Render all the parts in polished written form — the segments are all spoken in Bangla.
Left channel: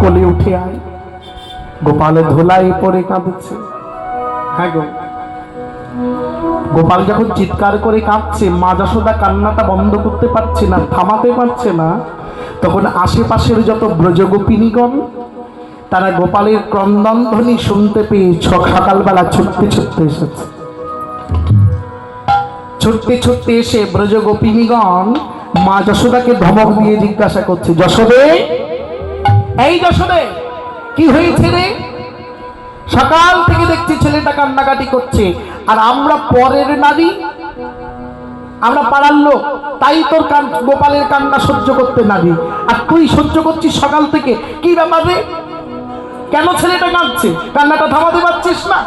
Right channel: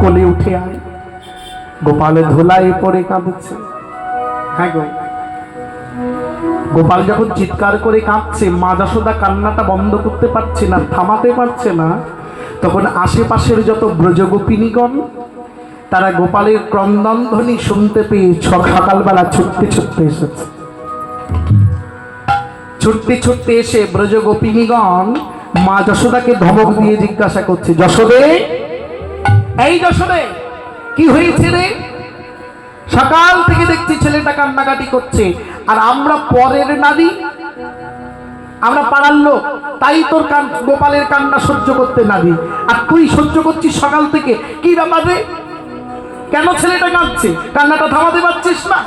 কোলে উঠে আয়। গোপাল ধুলায় পড়ে কাঁদছে। হ্যাঁ গো, গোপাল যখন চিৎকার করে কাঁদছে, মা যশোদা কান্নাটা বন্ধ করতে পারছে না, থামাতে পারছে না, তখন আশেপাশের যত ব্রজগোপিনীগণ তারা গোপালের ক্রন্দন ধ্বনি শুনতে পেয়ে সকালবেলা ছুটতে ছুটতে এসেছে। ছুটতে ছুটতে এসে ব্রজগোপিনীগণ মা যশোদাকে ধমক দিয়ে জিজ্ঞাসা করছে, যশোদে, এই যশোদে, কি হয়েছে রে? সকাল থেকে দেখছি ছেলেটা কান্নাকাটি করছে, আর আমরা পরের নারী, আমরা পাড়ার লোক, তাই তোর গোপালের কান্না সহ্য করতে নারী, আর তুই সহ্য করছিস সকাল থেকে। কি ব্যাপার রে? কেন ছেলেটা কাঁদছে? কান্নাটা থামাতে পারছিস না?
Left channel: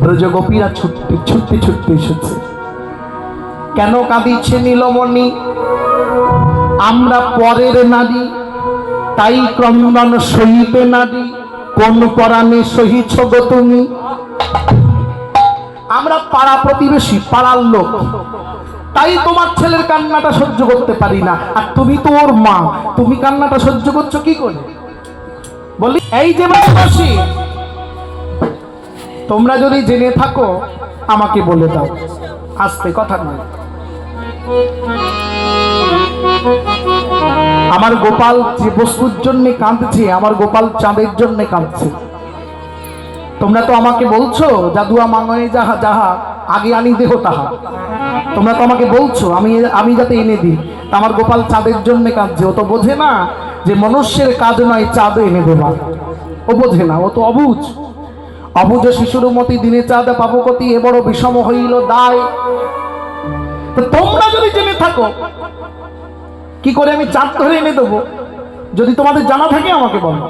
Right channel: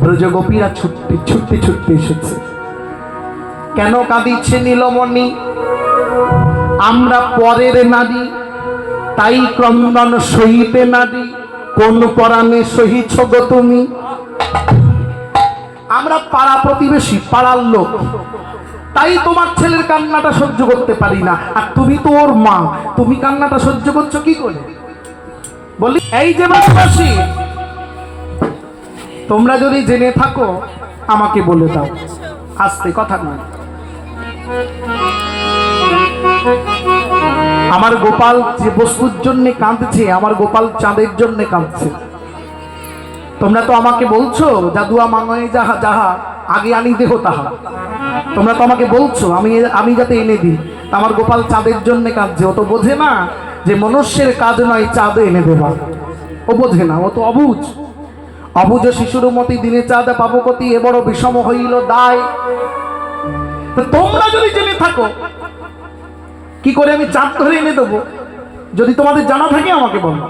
ব্রজগোপীরা ছুটতে ছুটতে ছুটতে এসেছে। কেন কাঁদিচ্ছে নীলমণি? আমরা পরের নারী, তাই ক্রন্দন সহিতে নারী। কোন পরাণে সহিছ গো তুমি? আমরা পাড়া প্রতিবেশী, পাড়ার লোক, তাই তোমার ছেলের কান্নাটা সহ্য করতে পারি না, আর তুমি তো ওর মা, তুমি কান্নাটা সহ্য করছো কি করে? বলি, এই যে বাসী, তোমরা যদি জেনে থাকো আমাকে বলে দাও। আস্তে, কথা নয়। আমার গোপাল যে বস্তুর জন্য কাঁদছে, আমার গোপাল চাঁদের জন্য কাঁদছে। তোমরা তো আমাকে বলছো জাদুয়া মাঙয়ে যাহা যাহা আগে আনি দেহ তাহা। তোমরা তো আমাকে বলছো আমি যাতে এনে দিই। আমার গোপাল চাঁদের জন্য কাঁদছে। ও তো বোঝে না যে মনুষ্যের কাজ নয় চাঁদে এনে দেওয়া। ও বোঝে না, ও তো অবুঝ। অবুঝ শিশুর মতি দিনে চাঁদে পাবকতি, এ বড় বিষম হইল দায়। তোমরা যদি জেনে থাকো কি করে আমি চাঁদ ধরে এনে দেবো, যদি তোমাদের জানা থাকে আমাকে বলো।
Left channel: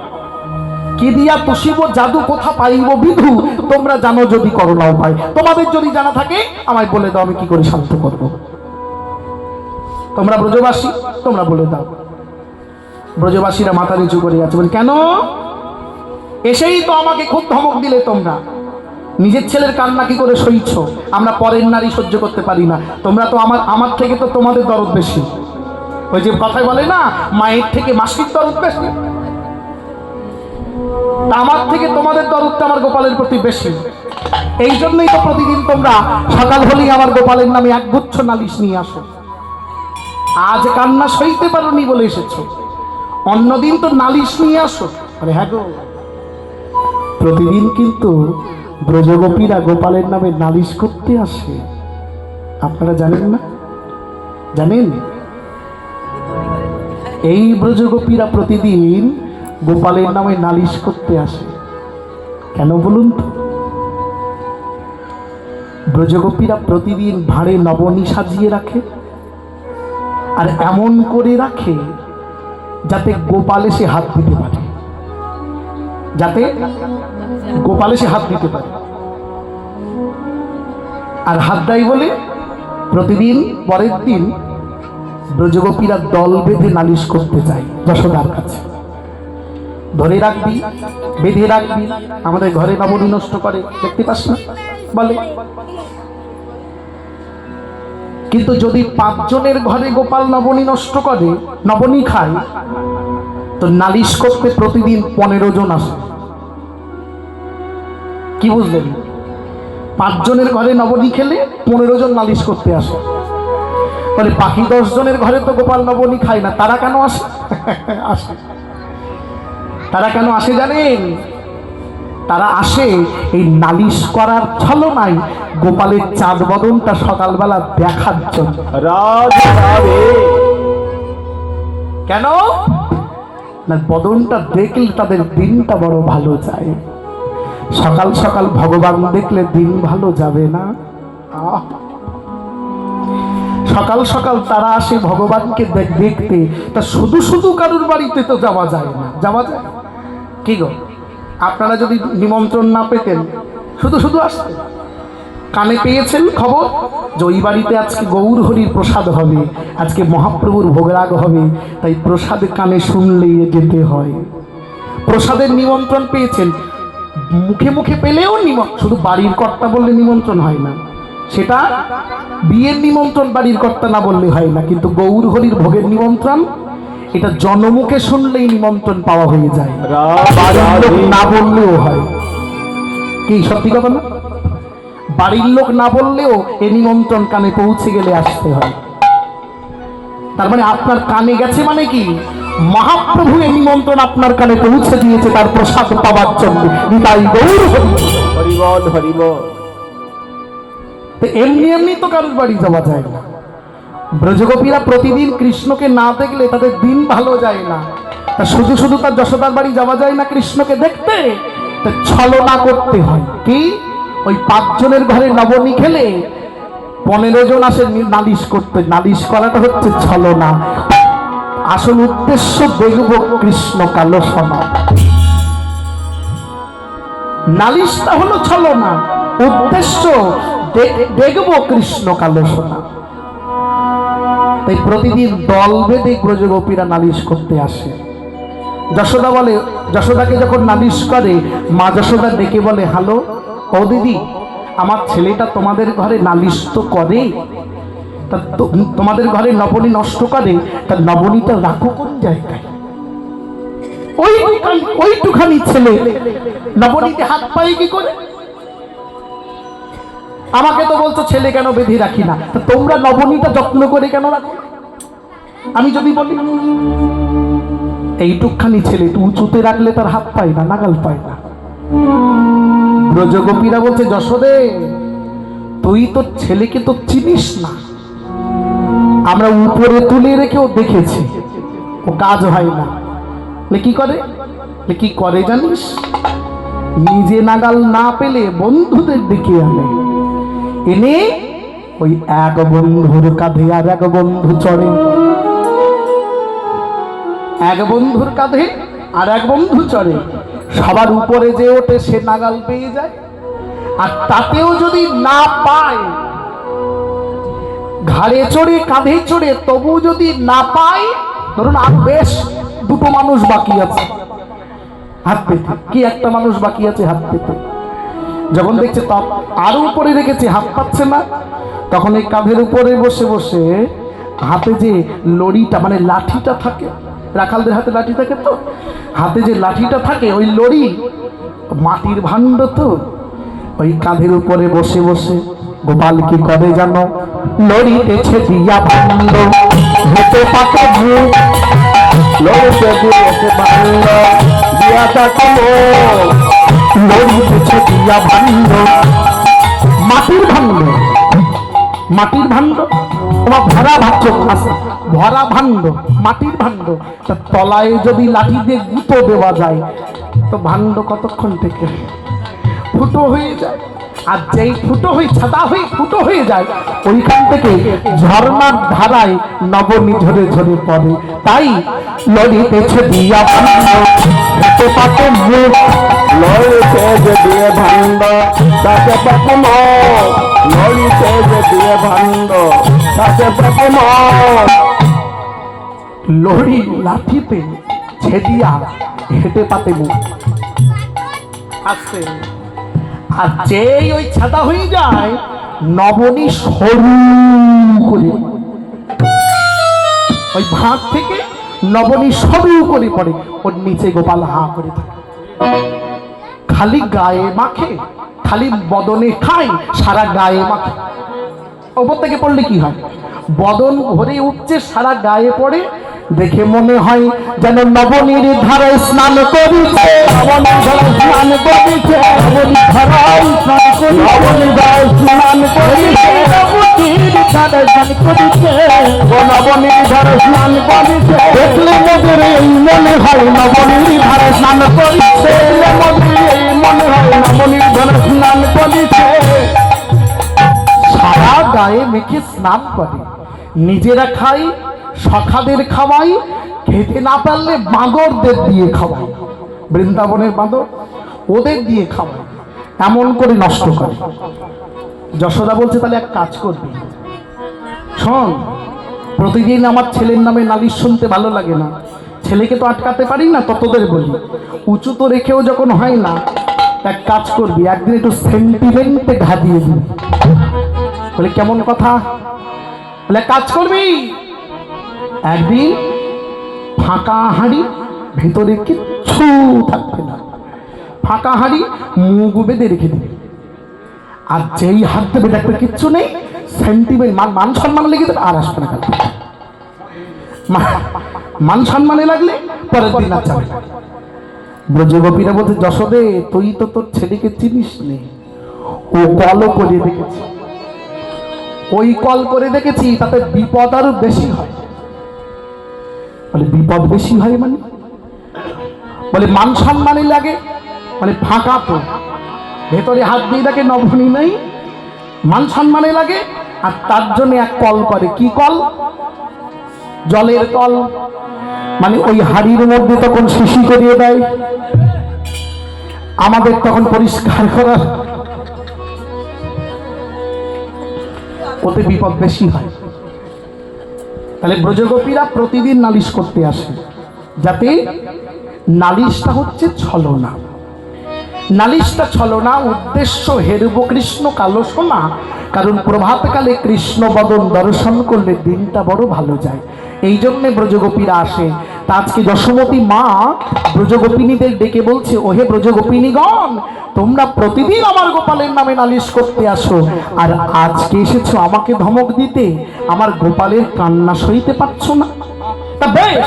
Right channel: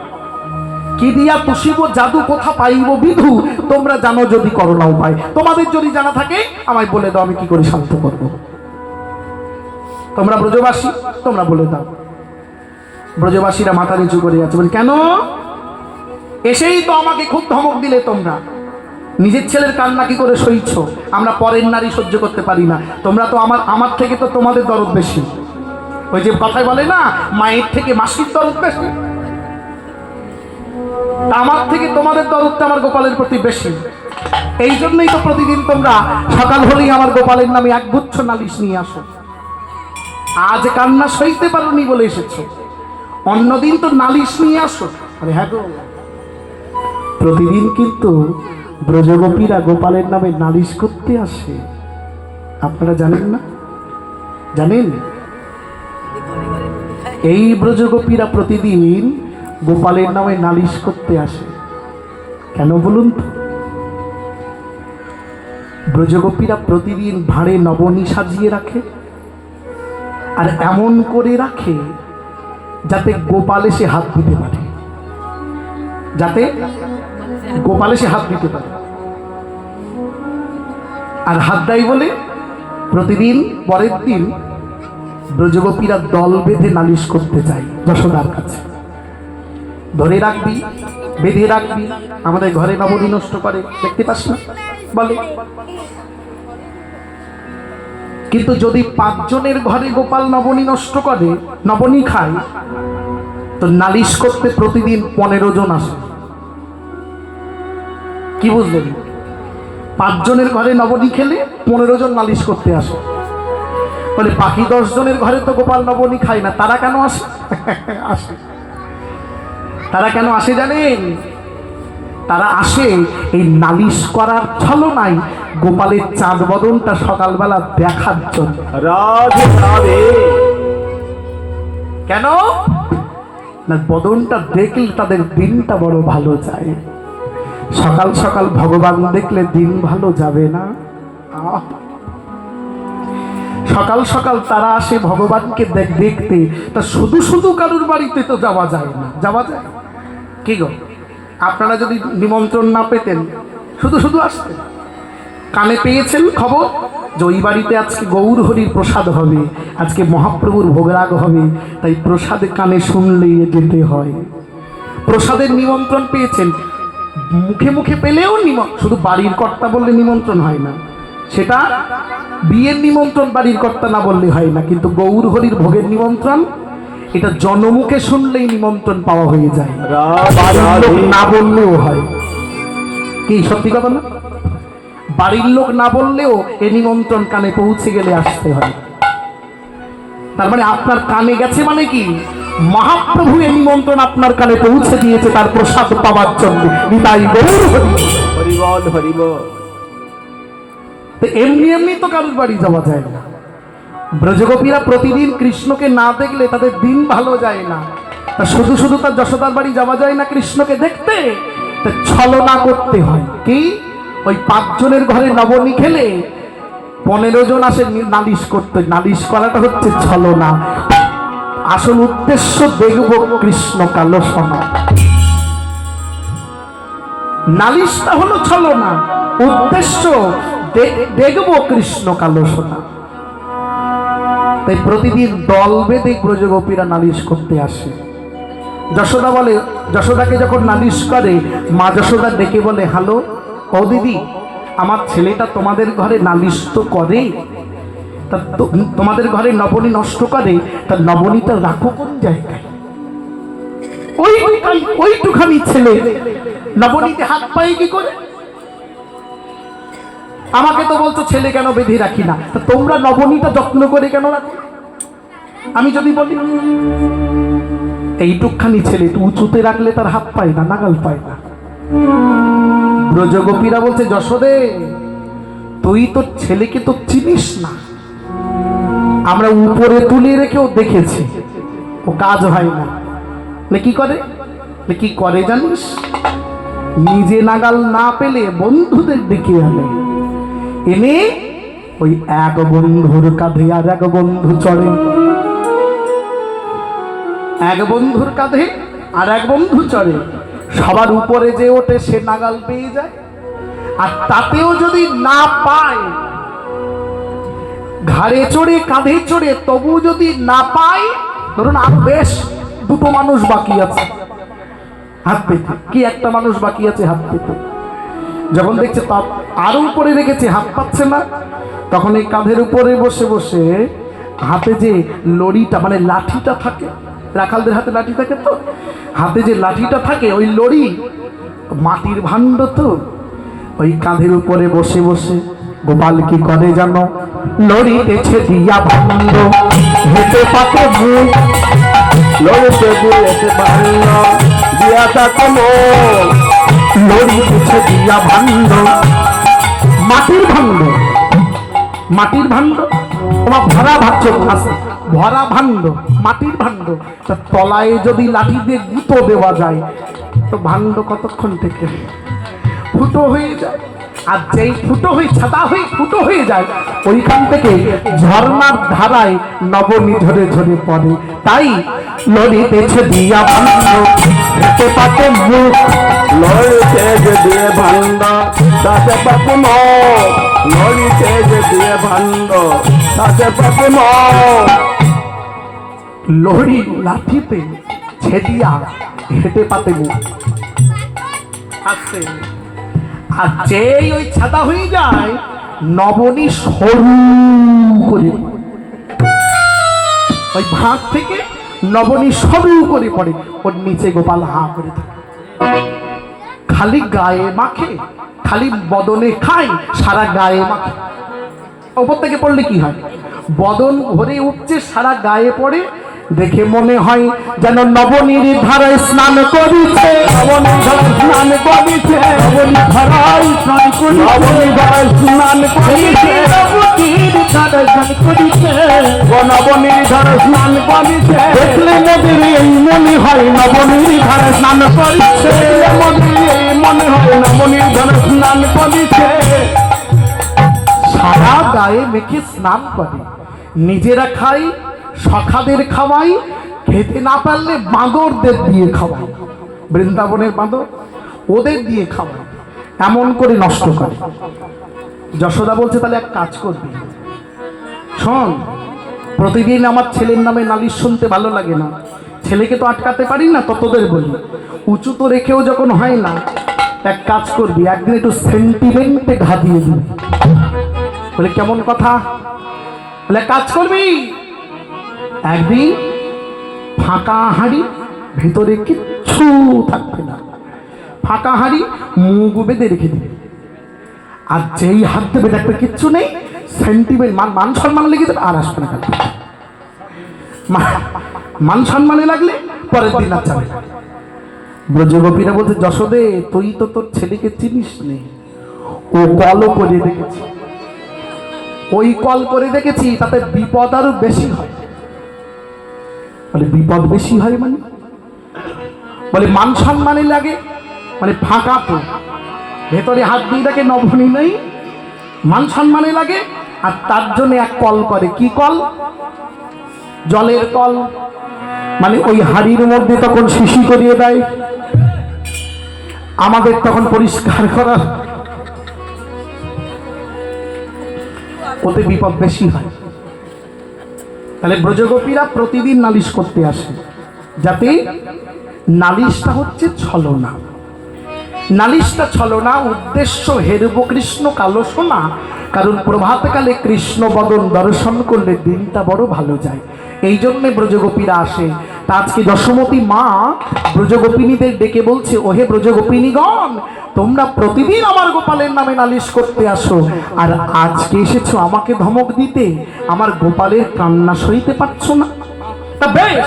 কি দিয়া পুষিব জাদু, কোথা পাইব বিধু, তোমরা জানো যদি করো না উপায়। তোমাদের যদি জানা থাকে আমায় বলে দাও, আমি কি করে শান্ত করব। তোমরা ব্রজবাসী, তোমরা বলে দাও। ব্রজবাসীরা মাথা নিচু করে যাচ্ছে, বলে কেন? এসেই তো আমাকে খুব ধমক দিলে তোমরা। নিজের ছেলের কান্না কি করে সইছ? আমরা পরের নারী সহ্য করতে পারি না। তোমরা তো আমার থেকে তো তোমাদের দরদ বেশি। ওই যে কথায় বলে না, মায়ের থেকে মাসির দরদ বেশি, আমার থেকে তোমাদের দরদটা আমার গোপালের প্রতি বেশি। এই জন্যই তো প্রতিদিন তোমরা সকাল হলেই আমার গোপালের নামে একগুচ্ছ নালিশ নিয়ে আসো। আজ কান্না সইতে পারোনি বলে এসেছো, অন্যদিন তো নালিশ নিয়ে আসো। আরে হ্যাঁ গো, প্রতিদিন কিন্তু ব্রজগোপীরা গোপালের নামে নালিশ করতে আসে। আপনারা জানেন না? জানেন? এই ব্রজগোপীরা প্রতিদিন গোপালের নামে নালিশ করতে আসে। কেন বলুন তো? ব্রজগোপীরা প্রতিদিন ভাঁড়ে নবনী সাজিয়ে রাখে, আর এমন করে রাখে যাতে গোপাল এসে হাত দিতে পারে, যাতে গোপাল এসে হাত দিতে পারে। আর হাত দেয় বলে প্রতিদিন পরের দিন ব্রজগোপীরা দল বেঁধে নালিশ করতে চায় যশোদার কাছে। ধরে রাখবি, বেঁধে রাখবি, আমাদের ঘরে নবনী নষ্ট করে, দেখতে পাস না বলে। কিন্তু যদি 5 জনের ঘরে গোপাল নবনী নষ্ট করে, নবনী খায়, তো নালিশ করতে প্রতিদিন 15 জন আসে। কি বুঝলেন? 5 জনের ঘরে নবনী খেলে 15 জন নালিশ করতে আসে। তাহলে বাকি 10 জনের ঘরে তো গোপাল নবনী খায় না, তারা কেন আসে? আসে। তারা কেন আসে জানেন? তারা আসে এই নালিশ করার ছলনায় গোপালের চাঁদ বদনটা সকালবেলা দেখার জন্য। কেন না? বদনটা দেখলে তাদের দিনটা বড় ভালো যায়। সকাল সকাল ভগবান দেখলে দিন ভালো যাবে না। সকাল সকাল তারা আসে ভগবানকে দেখতে। তা শুধু শুধু কারুর বাড়িতে তো যাওয়া যায় না। যাওয়া যায় কি গো? আপনারা যদি নিমন্ত্রণ না পেতেন, শুধু শুধু আসতেন। কানে পেয়েছেন খবর যে ওই বাড়িতে আজকে গৌর হরির প্রসাদ হবে, আজকে মহাপ্রভুর ভোগরাগ হবে, তাই প্রসাদ কানে শুনলেই যেতে হয়। প্রসাদের নিমন্ত্রণ পেয়েছেন, মুখে মুখে পেলেও শুধু বাড়ির কর্তা বললে নিমন্ত্রণ হয় না, সেটা বিয়ের নিমন্ত্রণ বাড়ির কর্তা না বললে হয় না, কিন্তু গৌর হরির ভোগের নিমন্ত্রণ এটা জনমুখে শুনলেই নিমন্ত্রণ পাওয়া হয়ে যায়, বাড়ির লোক না বললেও হয়। কি সত্যি কথা না? বাড়ির লোক না বললেও এ নিমন্ত্রণ কানে পৌঁছে গেলে আসতে হয়। তার মানে আপনার কানে গেছে মানে কি, মহাপ্রভু এই নিমন্ত্রণ আপনার কানে পৌঁছে দিয়েছে তার প্রসাদ পাওয়ার জন্য। নিতাই গৌর হরি বল, হরি বল। এমনি এমনি তো কারোর বাড়ি যাওয়া যায় না। ব্রজগোপীরা প্রতিদিন কৃষ্ণকে না দেখলে তাদের দিন ভালো যায় না। শুধু শুধু তার যশোদার বাড়ি যাওয়া যায় না কৃষ্ণকে দেখতে, ছলনা করতে হয়। কি, ওই 5 জনের ঘরে নবনী খেলে 15 জন আসে নালিশ করতে। নালিশ করাটা হচ্ছে ছলনা। আসল উদ্দেশ্য দেখব কৃষ্ণ কালো সোনা। নালিশটা হলো ছলনা, উদ্দেশ্য দেখব কৃষ্ণ কালো সোনা। তাই প্রতিদিন দল বেঁধে ব্রজগোপীরা নালিশ করতে আসে। যশোদা বলে, যশোদাকে যখন নালিশ করে, মা যশোদা ডেকে বলে, হ্যালো ও দিদি, আমার ছেলেটা তোমাদের ঘরে নালিশ তো করে, তা তোমাদের ঘরে নবনী নষ্ট করে, তার নবনীটা রাখো কোন জায়গায়? ওইটুখানি ছেলে নবনীতে হাত পায়ে কি করে? আমাকে তো বলছো ছেলে কেন বেঁধে রাখি না, তা তোমরা নবনীটা যত্ন করে কেন রাখো? আমি যদি বলি এইটুকখানি ছেলে তুই উঁচুতে রাখলে তার হাত পায় না, নাগাল পায় না। ব্রজগোপীরা বলছে, যশোদে তুই তোর ছেলেকে তো চিনিস না, আমরা উপরে তুলে রেখেও দেখেছি, ও কাজ হয় না। কি করে? কি করে জানিস? নিজে নাগাল না পেলে বন্ধুদের দিকে আনে, এনে ওই এক বন্ধুর কাঁধে আর এক বন্ধু চড়ে, এক বন্ধুর কাঁধে আর এক বন্ধু চড়ে, সবার উপরে যে ওঠে সে নাগাল পেয়ে যায়। আর তাতেও যদি না পায়, ঘাড়ে চড়ে কাঁধে চড়ে তবু যদি না পায়, ধরুন আর বেশ 2টো মানুষ বাকি আছে হাত পেতে, কি একটা মানুষ বাকি আছে হাত পেতে, যখন দেখছে আরো উপরে রেখেছে হাত পাচ্ছে না, তখন এই কাঁধের উপরে বসে বসে হাতে যে লড়িটা মানে লাঠিটা থাকে, রাখালদের হাতে লাঠি থাকে, তো হাতে যে লাঠিটা থাকে ওই লড়ি, মাটির ভাণ্ড, তো ওই কাঁধের উপরে বসে বসে গোপাল কি করে জানো? লড়িতেছে দিয়া ভাণ্ড, হেঁটে পাকে মুখ, লড়িতে দিয়েছে ভাণ্ড, দিয়া তাকে লড়িতেছে দিয়া ভাণ্ড, মাটির ভাণ্ড, মাটির ভাণ্ড, তোমার ভরা ভাবছ আছে, ভরা ভাণ্ড, মাটির ভাণ্ড, তা তলায় যদি লাঠি দিয়ে গুঁতো দেওয়া যায় তো ভাণ্ড কতক্ষণ থেকে ফুটো হয়ে যায়। আর যেই ফুটো হয়ে ছাতা হয়ে ফুটো হয়ে যায়, ওইখান থেকে ঝর্ণার ধারায় নবনী ঝরে ঝরে পড়ে। তাই লড়িতেছে দিয়া ভাণ্ড, হেঁটে পাতে মুখ, লড়িতেছে দিয়ে ভাণ্ড, তাকে পাতে মুখ, লড়িতেছে দিয়ে ভাণ্ড, তাকে পাতে মুখ। লড়ি লাঠিতে ছেদিয়া হেঁটে পাতে মুখ আসছে। আর যেই ওই ছাতা হয়ে যায়, নবনী সরু করে ওই ভাগ থেকে নবনী সরু করে পড়ে, ওর নিচে গোপাল হা করে থাকে। খালি গায়ে মাখে, খালি বদনে খায়, সারা গায়ে মাখে। ওপর থেকে পড়লে কি হয়? বদন ভরে উঠছে, সারা গায়ে পড়ে, দেখে মনে হয় যেন নবনীর ধারে স্নান করিছে, নবনীর ধারে স্নান করিছে, নবনীর ধারে স্নান করিছে, নবনীর ধারে স্নান করিছে, নবনীর ধারে স্নান করিছে, নবনীর ধারে স্নান করিছে। দেখলে নবীর এই মনে হয় নবনীর ধারে স্নান করিছে, নবনীর এই মনে হয় নবনীর ধারে স্নান করিছে। সারা গায়ে মেখে স্নান করে, নিজেরা খাই, সখাদের খাওয়াই, খেতে না পারলে বাঁদরদের দিয়ে খাওয়াই, বৃন্দাবনের বাঁদর ওদের দিয়ে খাওয়াই, এমন করে নষ্ট করে। যশোদা বলছে, তাহলে এক কাজ করবি, শোন, প্রতিদিন আমার ছেলের নামে নালিশ শুনতে ভালো লাগে না, ছেলেকে তো আটকাতে পারি না, ততদের বলি, উঁচু তো রেখেও যখন হয় না, এক কাজ করবি, একদিন একটু সেন্টিমেন্টে ঘা দিয়ে দিবি। বলে কেমন কথা? বলে কাজ করবি, একদিন ফাঁকা হাঁড়ি, ভেতরে কিচ্ছু থাকবে না, ফাঁকা হাঁড়ি মুখ বেঁধে রেখে দিবে। আর যেই হাত দেবে দেখবে কিচ্ছু নেই, সেন্টিমেন্ট মান সম্মান লেগে দেবে, আর আসবে না। মান সম্মানে লাগলে পরের দিন আর যাবে না। ব্রজগোপীরা বলছে, যশোদে তুই তো তোর ছেলেকে চিনিস নে, ও কলও করে দেখেছি, ওই কল করে দেখেছি, তাতে বিপদ আরো বেশি হয়। বলে বিপদ বেশি হয় মানে? বলে মান সম্মানে লাগে, মানে ফাঁকা তো, ভেতরে হাত দিয়ে দেখে নভনী নেই, মান সম্মানে লাগে। আর তার জন্য এক কল করে, কি কল? জলের কল। মানে ওই হাড়ির মধ্যে তখন শিশি করিয়ে দেয়, আমাদের তখন পরিষ্কার করা, ওতে বিপদ বেশি হয়। তাহলে ব্রজগোপীরা প্রতিদিন নালিশ করতে আসে, যাতে নালিশটা হচ্ছে ছলনা, নালিশটা ছলনা, উদ্দেশ্য হেরব কৃষ্ণ কালো সোনা। কারণ প্রভাতকালে কৃষ্ণ বদন দর্শন করলে দিনটা বড় ভালো যায়, এই জন্যে ব্রজগোপীরা আসে। তা আজকে যশোমতী মা ব্রজগোপিনীদের ডেকে বলছে, ওহে ব্রজগোপিনীগণ, তোমরা প্রতিদিন আমার গোপালের নামে নালিশ করতে আসো, আর আজকে এসেছো আমাকে ধমক দিতে, আমার গোপালের কান্না সইতে পারছো না। তা বেশ,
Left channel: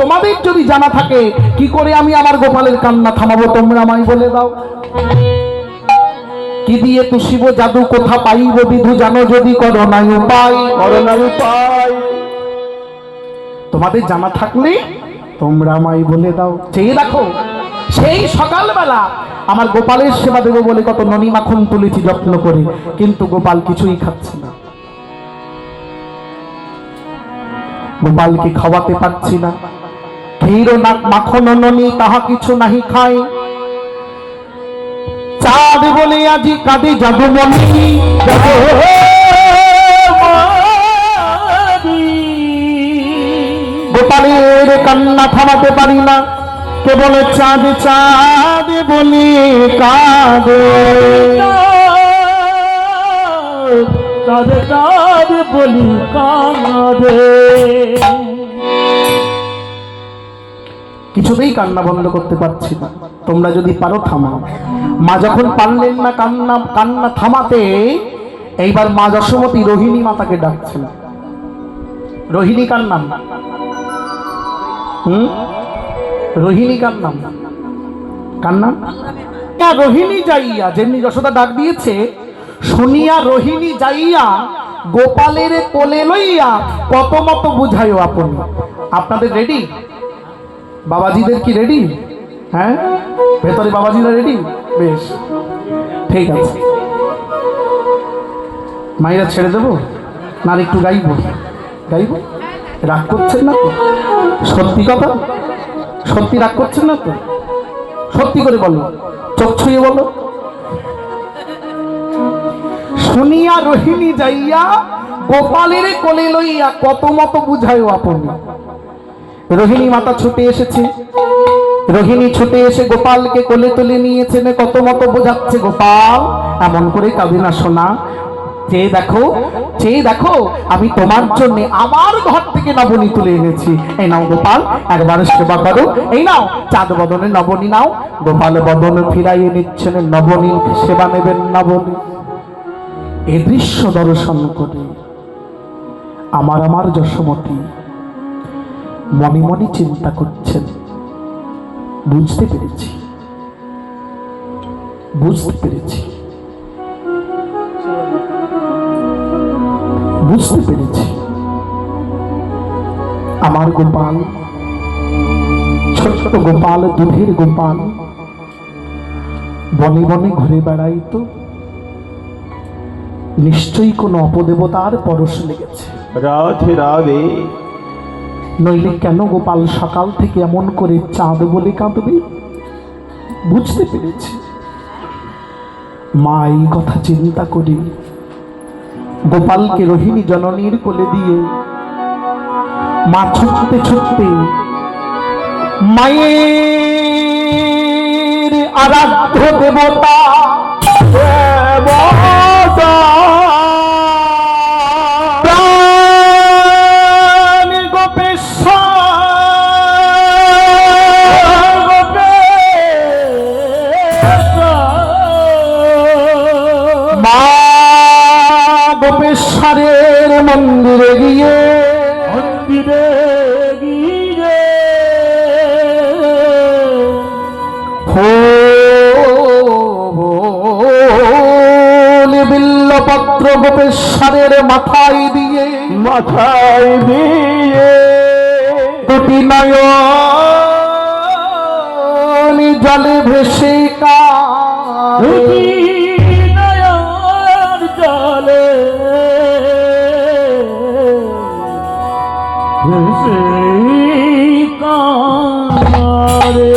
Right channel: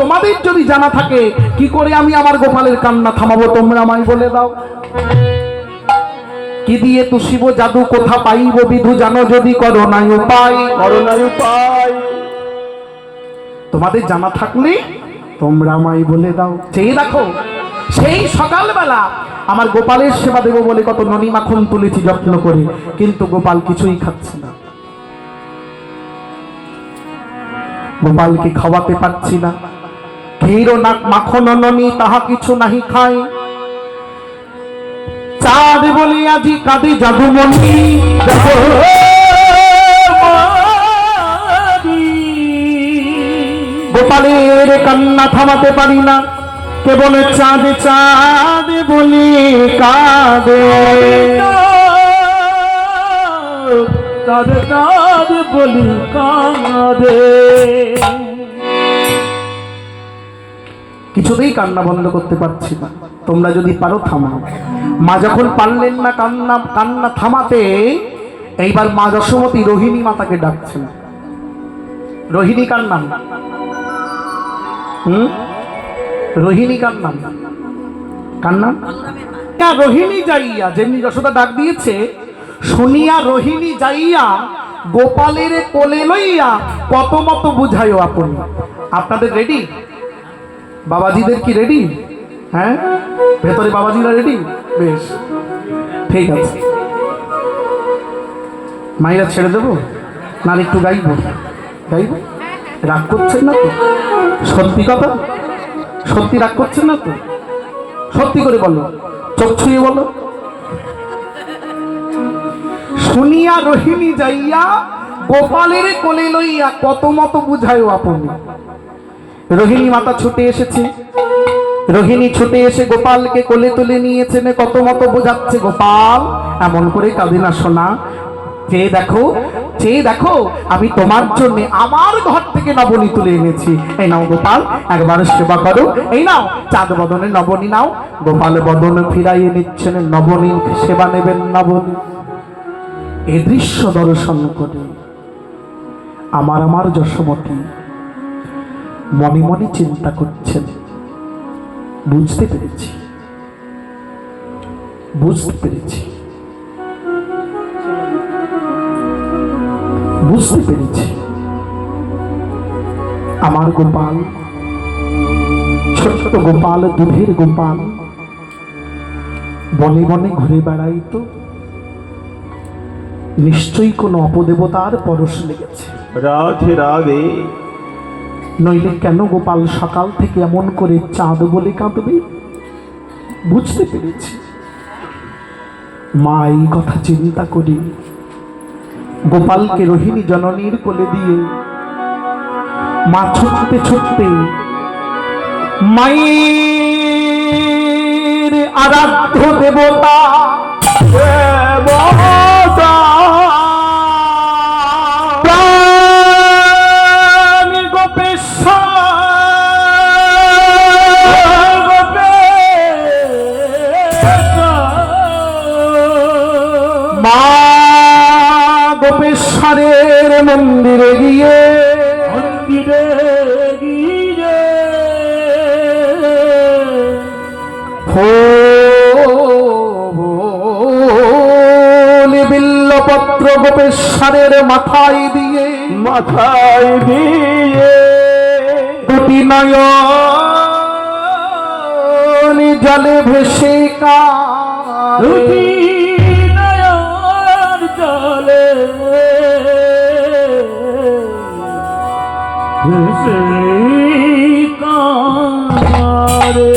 তোমাদের যদি জানা থাকে কি করে আমি আমার গোপালের কান্না থামাবো, তোমরা আমায় বলে দাও। কি দিয়ে তুষিব জাদু, কোথা পাইব বিধু, জানো যদি করো নাই উপায়, তোমাদের জানা থাকলে তোমরা আমায় বলে দাও। চেয়ে দেখো, সেই সকালবেলা আমার গোপালের সেবা দেবো বলে কত ননি মাখন তুলেছি যত্ন করে, কিন্তু গোপাল কিছুই খাচ্ছে না, গোপালকে খাওয়াতে পারছি না। ক্ষীর না মাখন ননি তাহা কিছু নাহি খায়, চাঁদ বলে আজি কাঁদে জাদুমণি, গোপালের কান্না থামাতে পারি না, কেবল চাঁদ চাঁদ বলি কাঁদে, কাঁদে কাঁদে বলি কাঁদে। কিছুতেই কান্না বন্ধ করতে পারছি না, তোমরা যদি পারো থামাও। মা যখন পারলেন না কান্না থামাতে, এইবার মা যশোমতী রোহিণী মাতাকে ডাকছেন। রোহিণী কার নাম? রোহিণী কার নাম? কার নাম? না, রোহিণী যাইয়া, যেমনি যশোদা ডাক দিয়েছে, শুনিয়া রোহিণী যাইয়া গোপালের কোলে লইয়া কত মত বুঝাইও আপন। আপনাদের রেডি? বাবাজিদের কি রেডি? হ্যাঁ, ভেতরে বাবাজিরা রেডি? বেশ, ঠিক আছে। মায়েরা ছেড়ে দেবো না, একটু গাইবো? গাইবো? রাগ করছেন না তো? সত্যি কথা, সত্যি রাগ করছেন না তো? সত্যি করে বলো, চোখ ছুঁয়ে বলো। শুনিয়া রোহিণী যাইয়া গোপালের কোলে লইয়া কত মত বুঝাইও আপনি। রোহিণী মাতা ছুটে এসেছে, রোহিণী ছুটে এসে গোপালকে কোলে তুলে নিয়েছেন, কত মত বোঝাচ্ছে, গোপাল এমন করে কাঁদে না সোনা, চেয়ে দেখো, চেয়ে দেখো, আমি তোমার জন্য আমার ঘর থেকে নবনী তুলে এনেছি। এই নাও গোপাল, একবার সেবা করো, এই নাও চাঁদ বদনে নবনী নাও। গোপাল বদন ফিরাইয়ে নিচ্ছেন, নবনী সেবা নেবেন নবনী। এ দৃশ্য দর্শন করে আমার যশোমতী মনে মনে চিন্তা করছেন, বুঝতে পেরেছি, বুঝতে পেরেছি, বুঝতে পেরেছি, আমার গোপাল, ছোট্ট গোপাল, দুধের গোপাল, বনে বনে ঘুরে বেড়াইতো, নিশ্চয়ই কোন অপদেবতার পরশ লেগেছে। রাধে রাধে। নইলে কেন গোপাল সকাল থেকে এমন করে চাঁদ বলে কাঁদবে? বুঝতে পেরেছি। মা এই কথা চিন্তা করে গোপালকে রোহিণী জননীর কোলে দিয়ে মা ছুটতে ছুটতে মায়ের আরাধ্য দেবতা গোপেশ্বর মন্দিরে গিয়ে বিল্লপত্র গোপেশ্বরের মাথায় দিয়ে দুটি নয়ন জলে ভেসে দুটি নয়ন জলে ভেসে কাঁদে।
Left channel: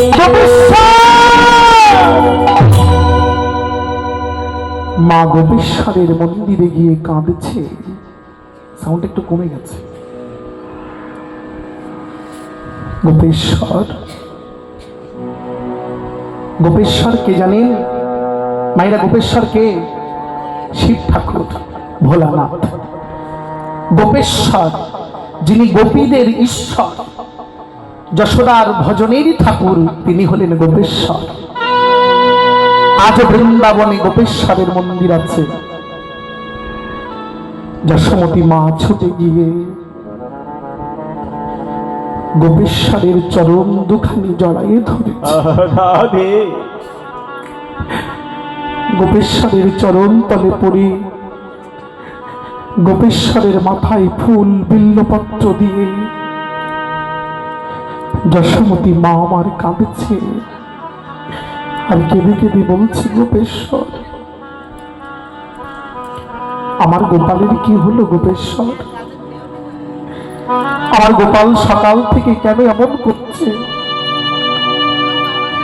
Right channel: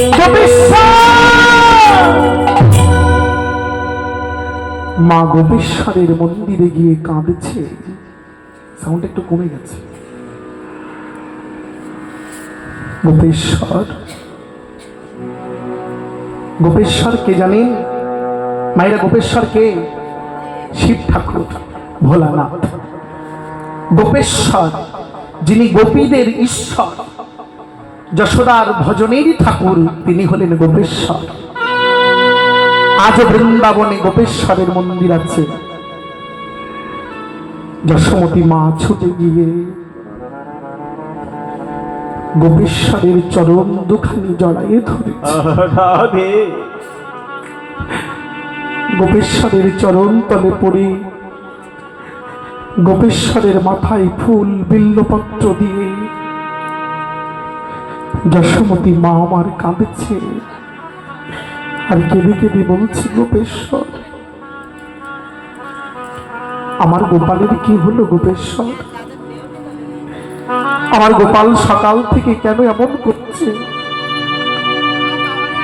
মা গোপেশ্বরের মন্দিরে গিয়ে কাঁদছে। সাউন্ড একটু কমে গেছে। গোপেশ্বর, গোপেশ্বর কে জানেন মায়েরা? গোপেশ্বর কে? শিব ঠাকুর, ভোলানাথ। গোপেশ্বর যিনি গোপীদের ঈশ্বর, যশোদার ভজনেরই ঠাকুর, তিনি হলেন গোপেশ্বর। আজ বৃন্দাবনে গোপেশ্বরের মন্দির আছে। যশোমতী মা ছুটে গিয়ে গোপেশ্বরের চরণ দুখানি জড়াইয়ে ধরেছে। গোপেশ্বরের চরণ তলে পড়ে গোপেশ্বরের মাথায় ফুল বিল্লপত্র দিয়ে যশোমতী মা আমার কাঁদছে আর কেঁদে কেঁদে বলছে, গোপেশ্বর, আমার গোপালের কি হলো? গোপেশ্বর, আমার গোপাল সকাল থেকে কেন এমন করছে?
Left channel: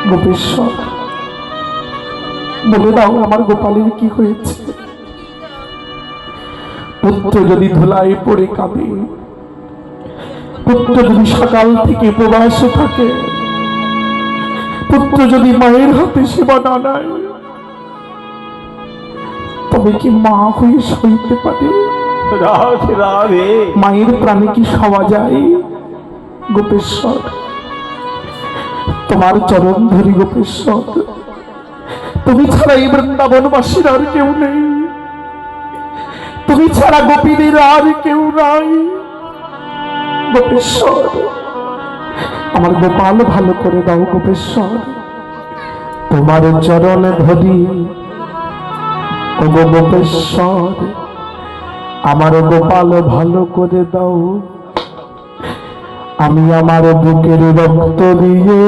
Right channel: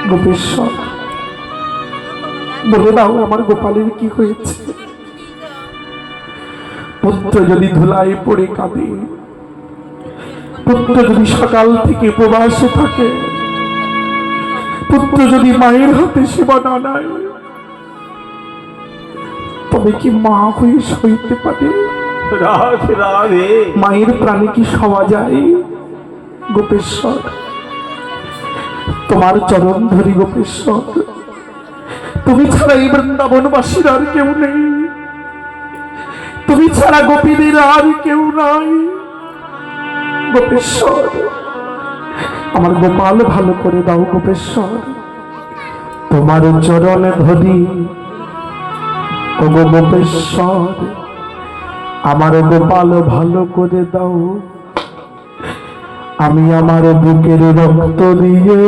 গোপেশ্বর, বলে দাও আমার গোপালের কি হয়েছে? পুত্র যদি ধুলায় পড়ে কাঁদে, পুত্র যদি সকাল থেকে উপবাসে থাকে, পুত্র যদি মায়ের হাতে সেবা না নেয়, তবে কি মা হয়ে সইতে পারে? মায়ের প্রাণে কি সওয়া যায়? গোপেশ্বর, তোমার চরণ ধরি গোপেশ্বর, তুমি ছাড়া এই বৃন্দাবনবাসীর আর কেউ নেই, তুমি ছাড়া গোপীদের আর কেউ নাই। গোপেশ্বর, আমার গোপাল ভালো করে দাও। গোপেশ্বর, তোমার চরণ ধরি ও গোপেশ্বর, আমার গোপাল ভালো করে দাও। আমি আমার বুকের রক্ত দিয়ে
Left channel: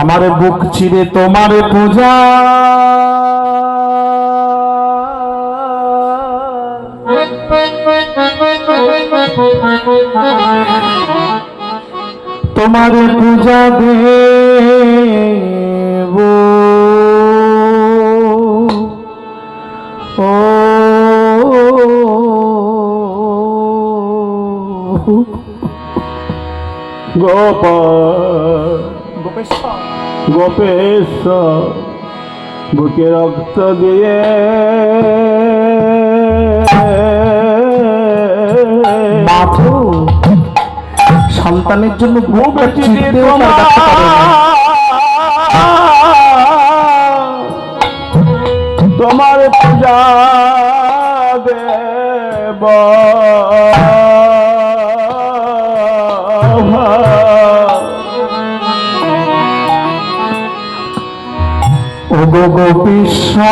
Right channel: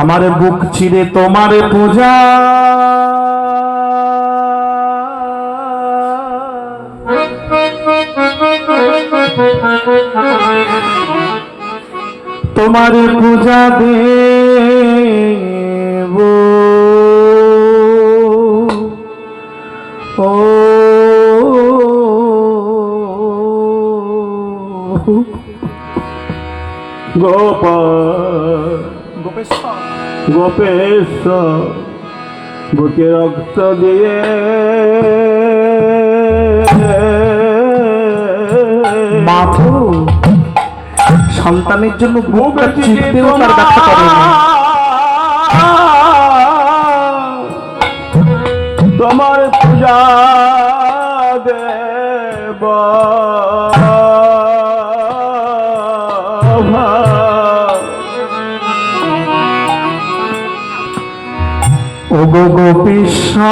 আমার বুক চিরে তোমার পূজা তোমার পূজা দেব ও গোপাল, গোপেশ্বর, বুকে রক্ত দিয়ে মাথো সন্তানের জন্য বুক চিরতেও তার ব্যথা করে না। তোমার পূজা দেব ও গো গোপেশ্বর,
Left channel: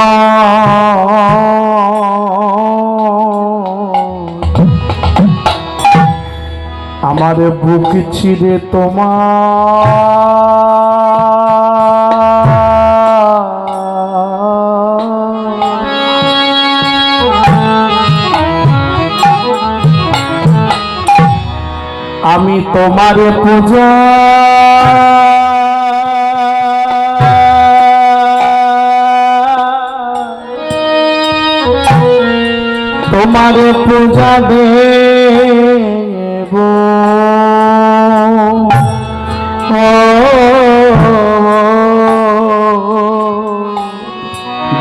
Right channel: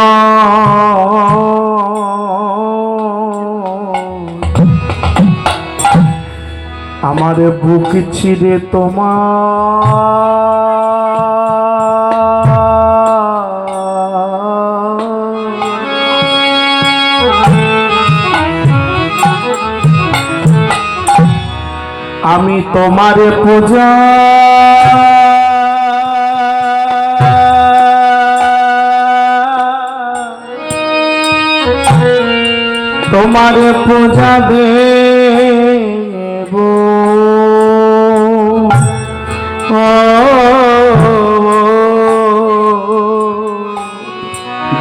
আমার বুক চিরে আমি তোমার পূজা তোমার পূজা দেব ও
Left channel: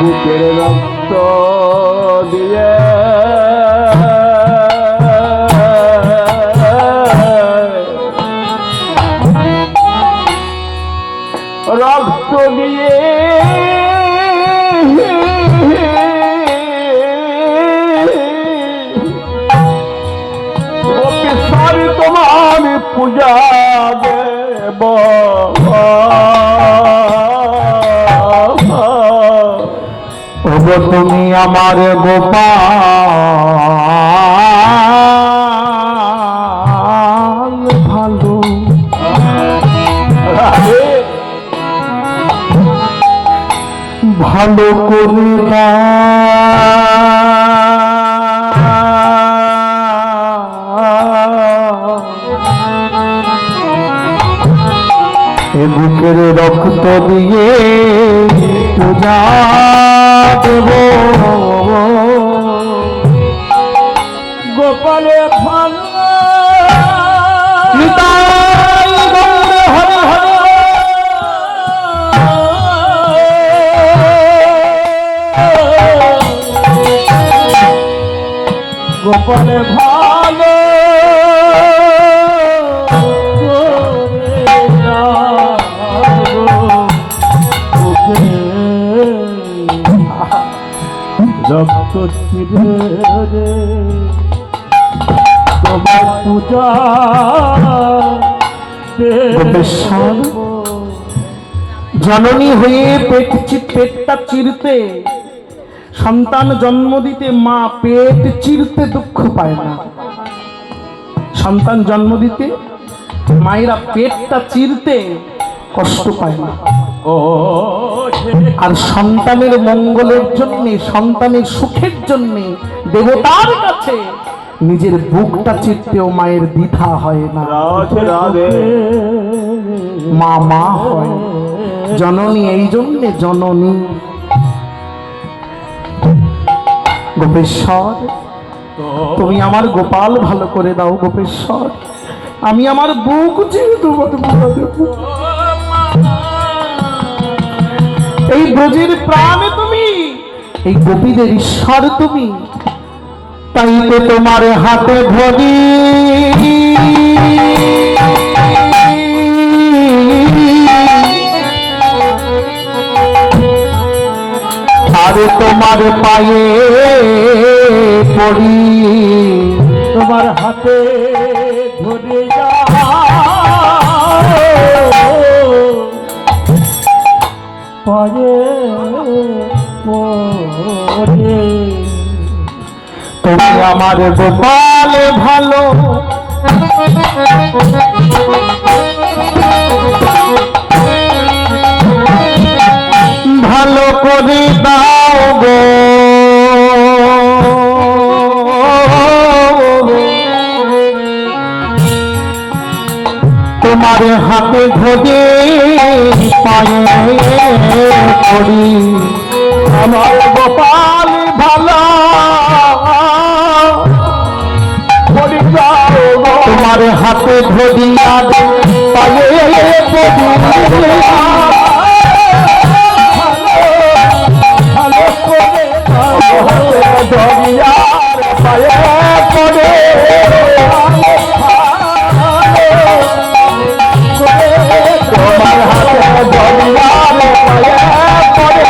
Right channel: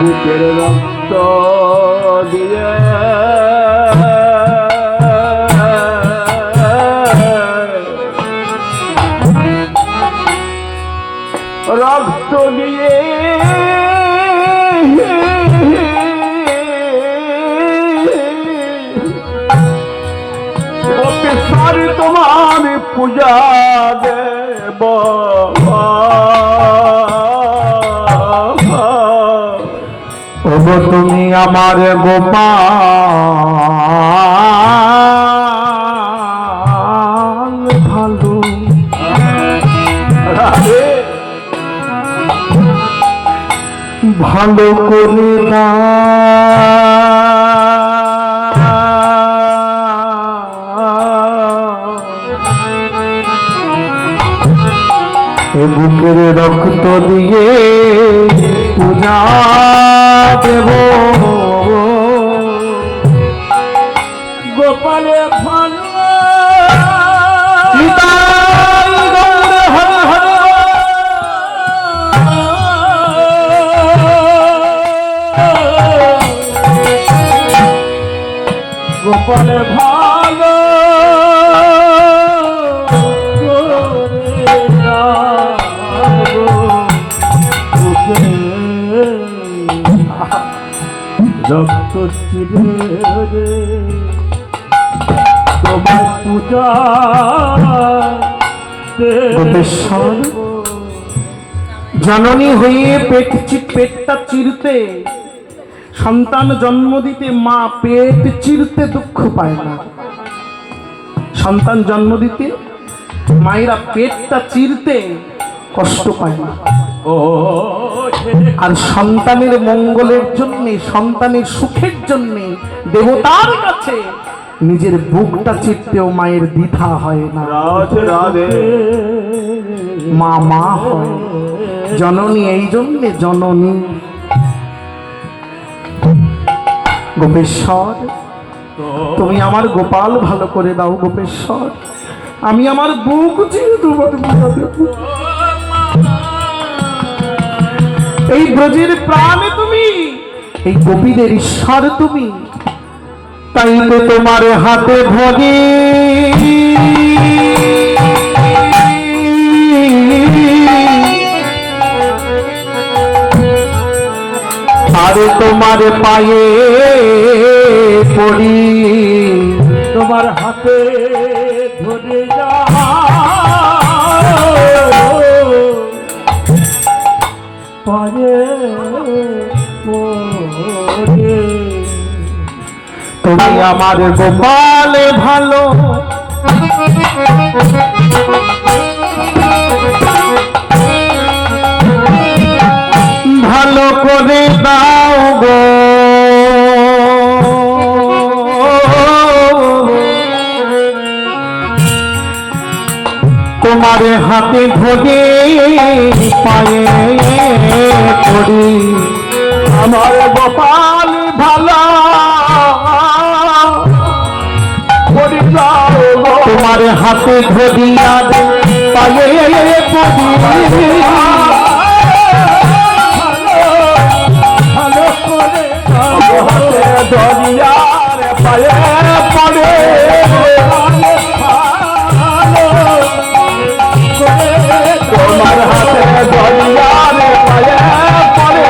বুকের রক্ত দিয়ে রক্ত দিয়ে সারি তোমার পূজা দেব ওগো তুমি আমার গোপাল ভালো ভালো করে না এ বুকের রক্ত দিয়ে পূজা দেব গোপালে ভালো নিতাই গৌর হরে হরে গোপালে ভালো রক্ত চিরে রে তোমার পূজা গোপেশ্বর জননী হয়ে পেটটা চিরতে সন্তান জন্ম দিতে মা পেট চিরতে দুঃখ পায় না। সন্তান জন্ম দিতে মায়েরা পেটটা চিরতে কষ্ট পায় না। ও আর সন্তানের মঙ্গলের জন্য সন্তানের সুখের জন্য দেবতার কাছে নিজের বুকটা চিরতেও মায়ের দ্বিধা হয় না। রাধে রাধে মা মা হয় জননী, এই জন্যে জননী। গোপেশ্বর তুমি আমার গোপাল ভালো করে দাও গোপেশ্বর, আমি আমার বুক চিনতে এই ব্রজের প্রাণে তুমি, এই গোপীদের ঈশ্বর তুমি, তাই তো তোমার হাতে ধরি আরে তোমার পায়ে পড়ি, তোমার হাতে ধরে যা পরে পরে তুমি আমার গোপাল ভালো ভালো করে দাও গো, তোমার হাতে ধরে পায়ে করি আমার গোপাল ভালো পরি যাও গো। তোমার হাতে ধরিয়া পায়ে করি ভালো করে দরিয়ার পায়ে পড়ে তোমার হাতে দরিয়ার পায়ে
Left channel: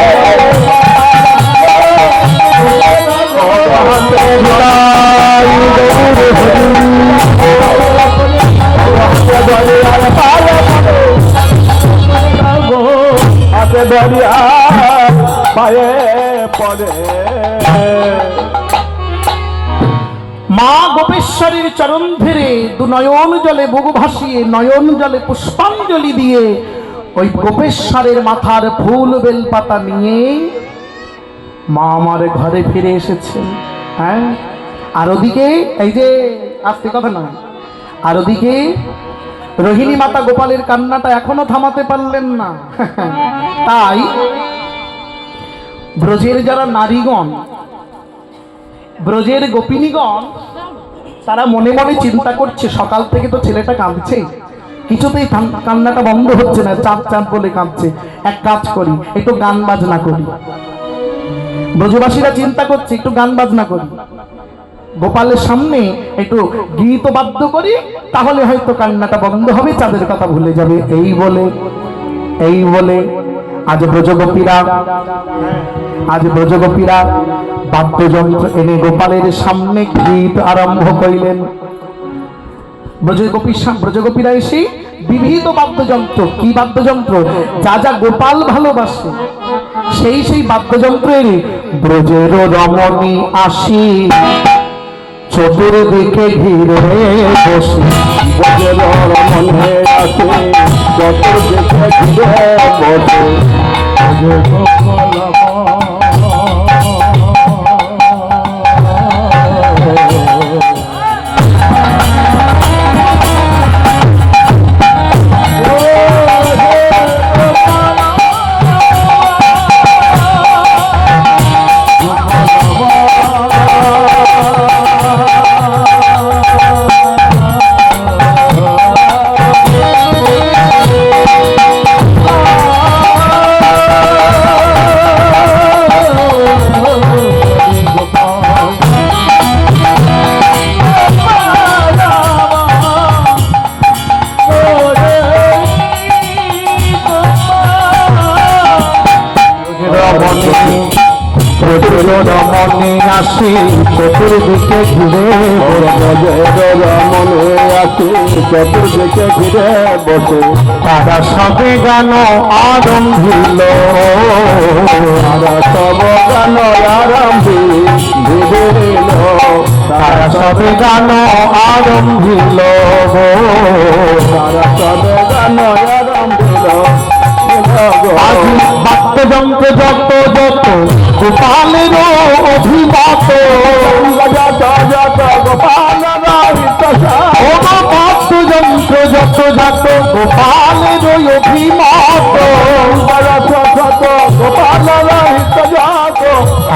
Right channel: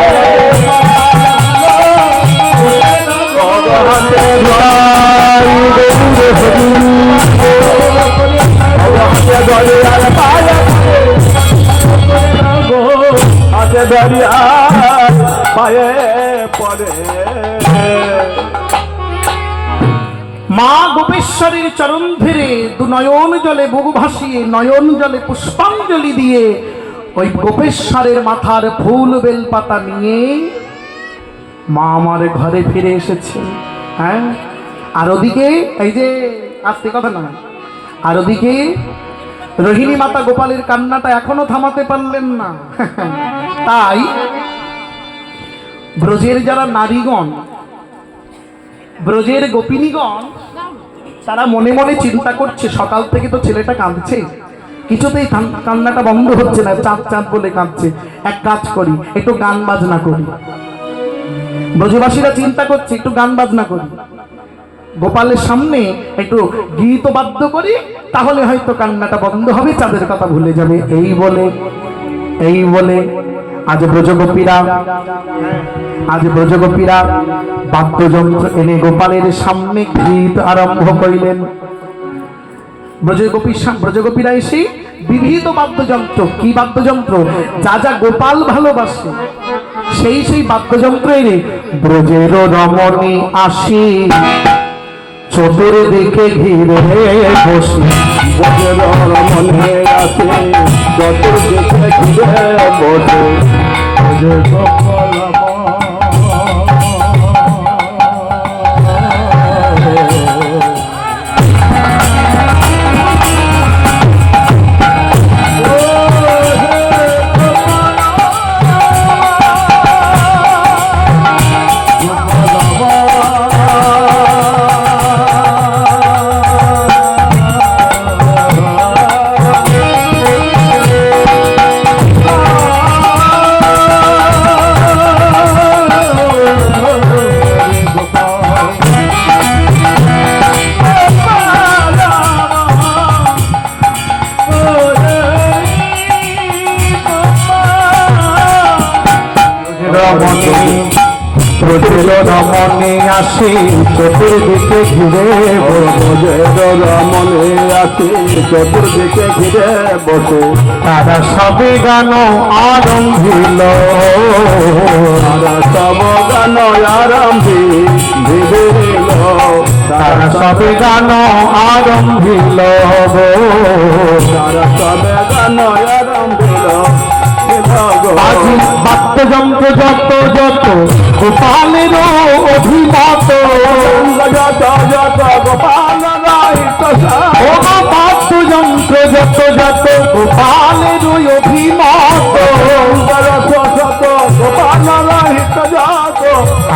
পড়ে দরিয়ার পায়ে হাতে দরিয়ার পায়ে পড়ে মা গোপেশ্বরের চরণ ধরে দু নয়ন জলে বুক ভাসিয়ে নয়ন জলে পুষ্পাঞ্জলি দিয়ে ওই গোপেশ্বরের মাথার ফুল বেলপাতা নিয়ে মা আমার ঘরে ফিরে এসেছে। হ্যাঁ, আর ওদিকে এই যে আস্তে কথা না, আর ওদিকে রোহিণী মাতা গোপালের কান্নাটা এখনো থামাতে পারলেন না। তাই ব্রজের যারা নারীগণ, ব্রজের গোপিনীগণ, তারা মনে মনে চিন্তা করছে সকাল থেকে তো ছেলেটা কাঁদছে, কিছুতেই কান্নাটা বন্ধ হচ্ছে না, চাঁদ চাঁদ বলে কাঁদছে, এক কাজ করি, একটু গান বাজনা করি। ব্রজবাসীরা চিন্তা করছে একটু গান বাজনা করি, গোপালের সামনে একটু গীত বাদ্য করি, তাহলে হয়তো কান্নাটা বন্ধ হবে, চাঁদের কথা ভুলে যাবে। এই বলে আজ ব্রজগোপীরা বাদ্যযন্ত্র এনে গোপালের সামনে গীত আরম্ভ করিলেন। ব্রজগোপীরা এসে বিবিধ বাদ্যযন্ত্র, কি বাদ্যযন্ত্র, যা যা গোপাল ভালোবাসে সেই বাদ্যযন্ত্র এনে ব্রজের রমণী আসি চতুর্দিকে ঘিরে বসে, ব্রজের রমণী আসি চতুর্দিকে ঘিরে বসে, রমণী আসি চতুর্দিকে ঘিরে, ব্রজের রমণী আসি চতুর্দিকে ঘিরে বসে, তারা সবে গান আরম্ভিল, সব গান আরম্ভিল, তারা সবে গান আরম্ভিল, সবে গান আরম্ভিল। আজি বাদ্যযন্ত্র যত যত গোপালের অভিমত, বাদ্যযন্ত্র যত যত গোপালের অভিমত,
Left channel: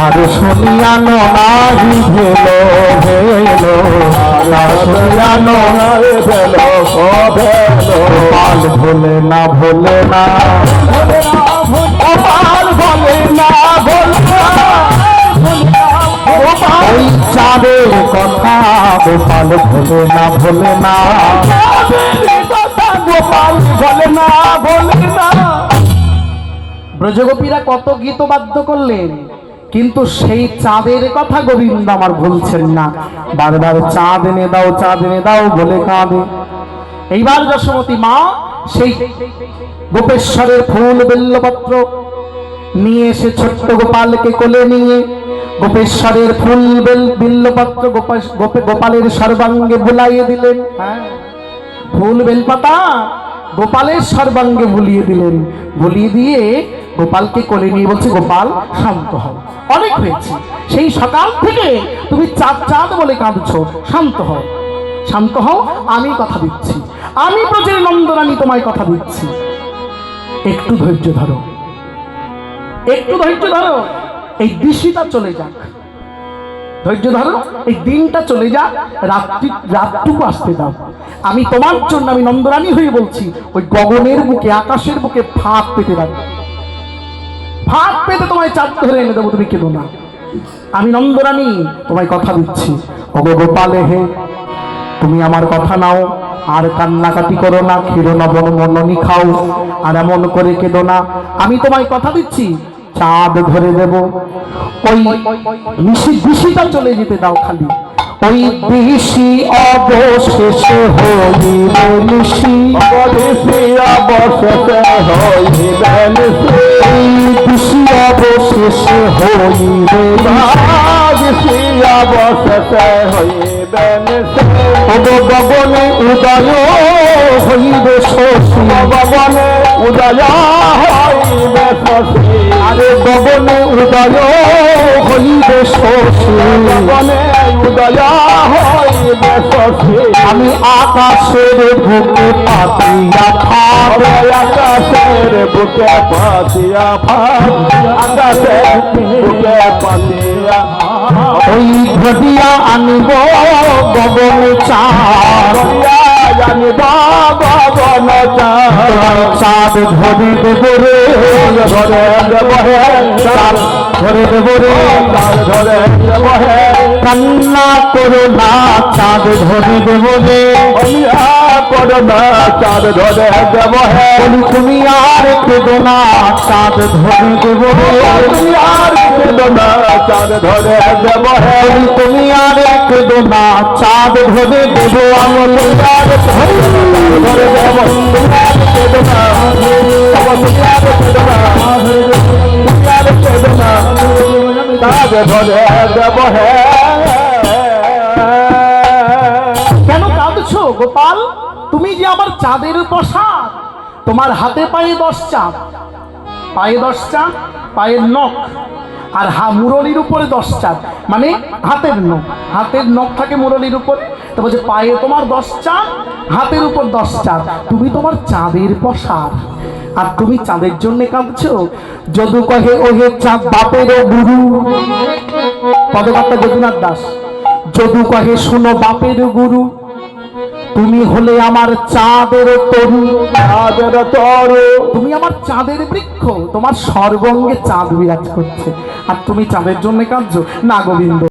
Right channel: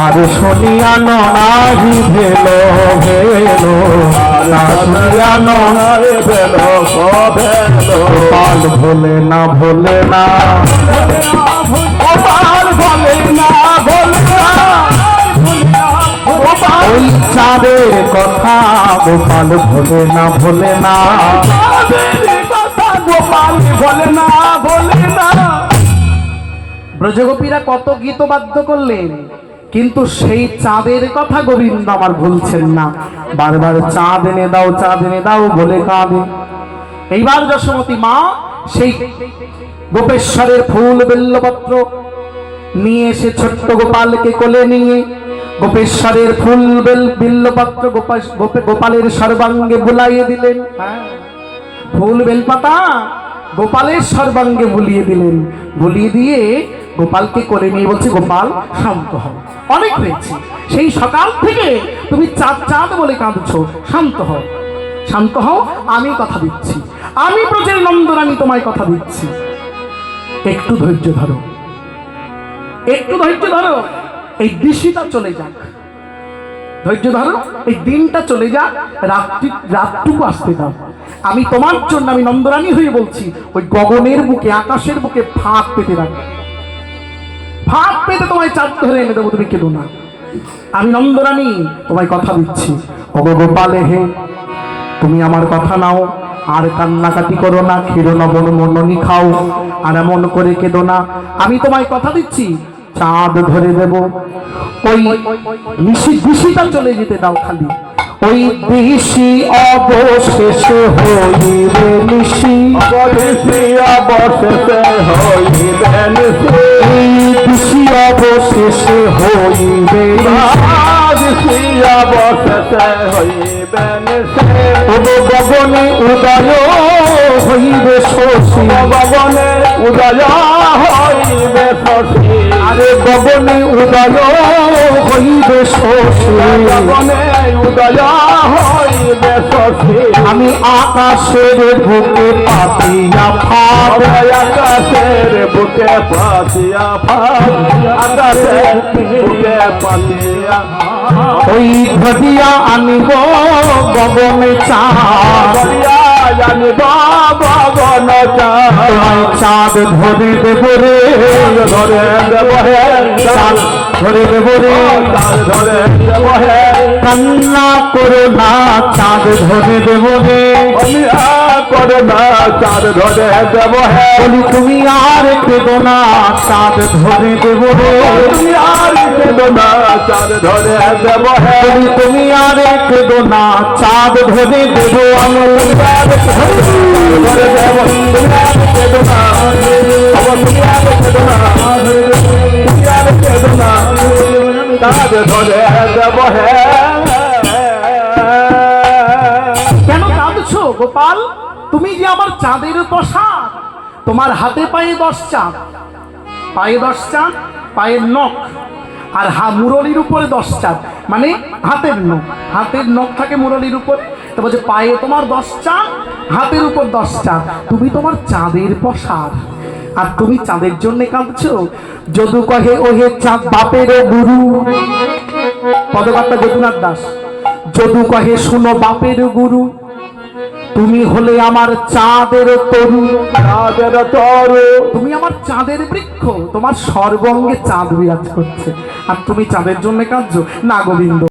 আর শুনিয়া নাহি ভেল গোপাল ভোলে না ওই চাঁদের কথা গোপাল ভোলে না, ব্রজগোপীরা কত গীত বাদ্য করলেন, কিন্তু সেই চাঁদের কথা গোবিন্দ আমার ভুলছেন না, বারবার চাঁদ এনে দাও বলে কাঁদে। এইবার যশোমতী মা সেই গোপেশ্বরের ফুল বেল্লপত্র নিয়ে এসে ছোট্ট গোপালকে কোলে নিয়ে গোপেশ্বরের ফুল বিল্লপত্র গোপালের সর্বাঙ্গে বুলাইয়ে দিলেন। ফুল বেলপাতা গোপালের সর্বাঙ্গে বুলিয়ে দিলেন, বুলিয়ে দিয়ে গোপালকে কোলে নিয়ে বলছে, গোপাল শান্ত হও, অনেক হয়েছে, সেই সকাল থেকে তুমি চাঁদ বলে কাঁদছো, শান্ত হও, আমি কথা দিচ্ছি, আমি ব্রজের নন্দরানী তোমায় কথা দিচ্ছি, একটু ধৈর্য ধরো, এই দৃশ্যটা চলে যাক, ধৈর্য ধরো, এই দিনটা চলে যাক, রাতটুকু আসতে দাও, আমি তোমার জন্য, আমি নন্দরানী হয়ে বলছি, ওই গগনের বুকে আকাশের বুকে ফাঁক পেতে রাখবো, ফাঁক পেতে তোমায় চাঁদ ধরে এনে দেবো, তুমি কেঁদো না, আমি নন্দরানী তোমায় কথা দিচ্ছি। ওগো গোপালে হে, তুমি আমার কথা নাও, আর কান্নাকাটি করো না, ক্ষীর লবণ মননি খাও, আর এমন করে কেঁদো না, আমি তোমায় কথা দিচ্ছি, চাঁদ ধরে দেব, ওই নিশিটা চলে যেতে দাও, খালি ওই দিশি অবশেষে হইবে নিশি, অবশেষে হইবে নিশি, এই দিশি অবশেষে হইবে নিশি, অবশেষে হইবে নিশি, গগনে উদয় হইবে শশী, গগনে উদয় হইবে শশী, আরে গগনে উদয় হইবে শশী, গগনে উদয় হইবে শশী, আমি আকাশের বুকে পাতিয়া ফাঁক, আকাশের বুকে পাতিয়া ফাঁক, আকাশের বুকে পাতিয়া ওই ঘটিয়া আনিব গগনে চাঁদ, জানিব গগন চাঁদ, চাঁদ চাঁদ ধরে দেব রে, ধরে দেব হে চাঁদ ধরে দেব রে, চাঁদ ধরে দেব হে কান্না করো না চাঁদ ধরে দেব রে, করো না চাঁদ ধরে দেব হে বলি তুমি আর কেঁদো না চাঁদ ধরে দেব রে, তুমি আর কেঁদো না চাঁদ ধরে দেব হে বলি তুমি আর কেঁদো না চাঁদ ধরে দেব আমি, ধরে দেব তুমি আর কেঁদো না তুমি আর কেঁদো না তুমি আর কেঁদো না চাঁদ ধরে দেব হে কেন কাঁদছো গোপাল? তুমি যে আমার চাঁদের পোশাক, তোমার হাতে পায়ে 10 চাঁদ, পায়ে 10 চাঁদ, পায়ের নখ আর মুরলির উপরে 10 চাঁদ, মানে হাতের নখ, হাতের নখ থাকে মুরলির উপরে, তো বলছে পায়ে তোমার 10 চাঁদ, হাতের উপর 10 চাঁদ, তুমি তোমার চাঁদের পোশাক, আর তুমি চাঁদের জন্য কাঁদছো। যদু কহে ওহে চাঁদ বাপের গুরু, পদকর্তা যদুনাথ দাস, যদু কহে শুনো বাপের গুরু, তুমি হলে আমার চাঁদের তরু, চাঁদের তরু তুমি আমার চাঁদের বৃক্ষ, তোমার সর্বঙ্গে চাঁদ বিরাজ করছে, আর তুমি চাঁদের জন্য কাঁদছো না গোবিন্দ।